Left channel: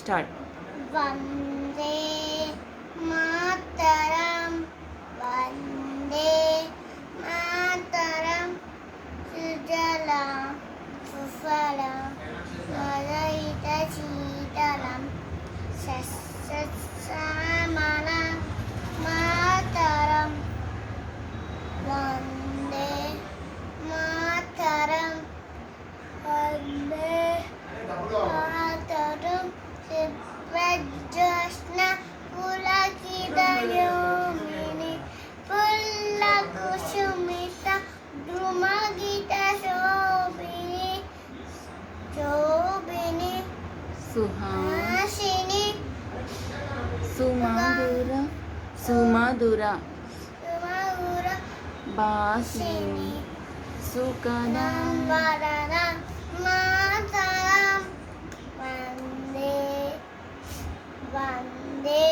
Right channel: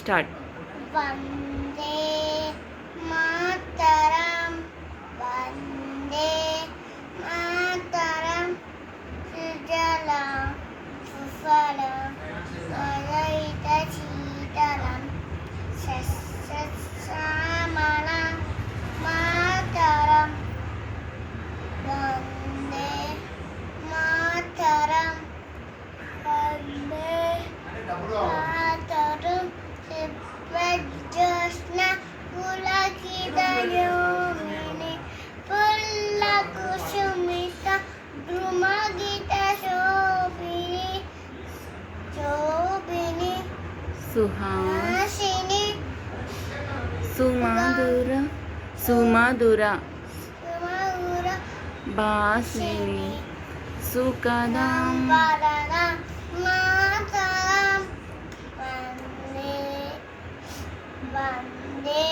Start. Vande Mataram Vande Mataram సుజలాం సుఫలాం మలయజ శీతలం సస్యశ్యామలాం మాతరం వందే మాతరం వందే మాతరం జ్యోత్స్న పులకితయోమిని పుల్లకుసుమిత ద్రుమగీత శోభిని శోభిని సుహాసిని సుహాసిని సుమధుర సుమధుర సుమధుర భాషిని సుఖదాం వదనం మాతరం వందే వందే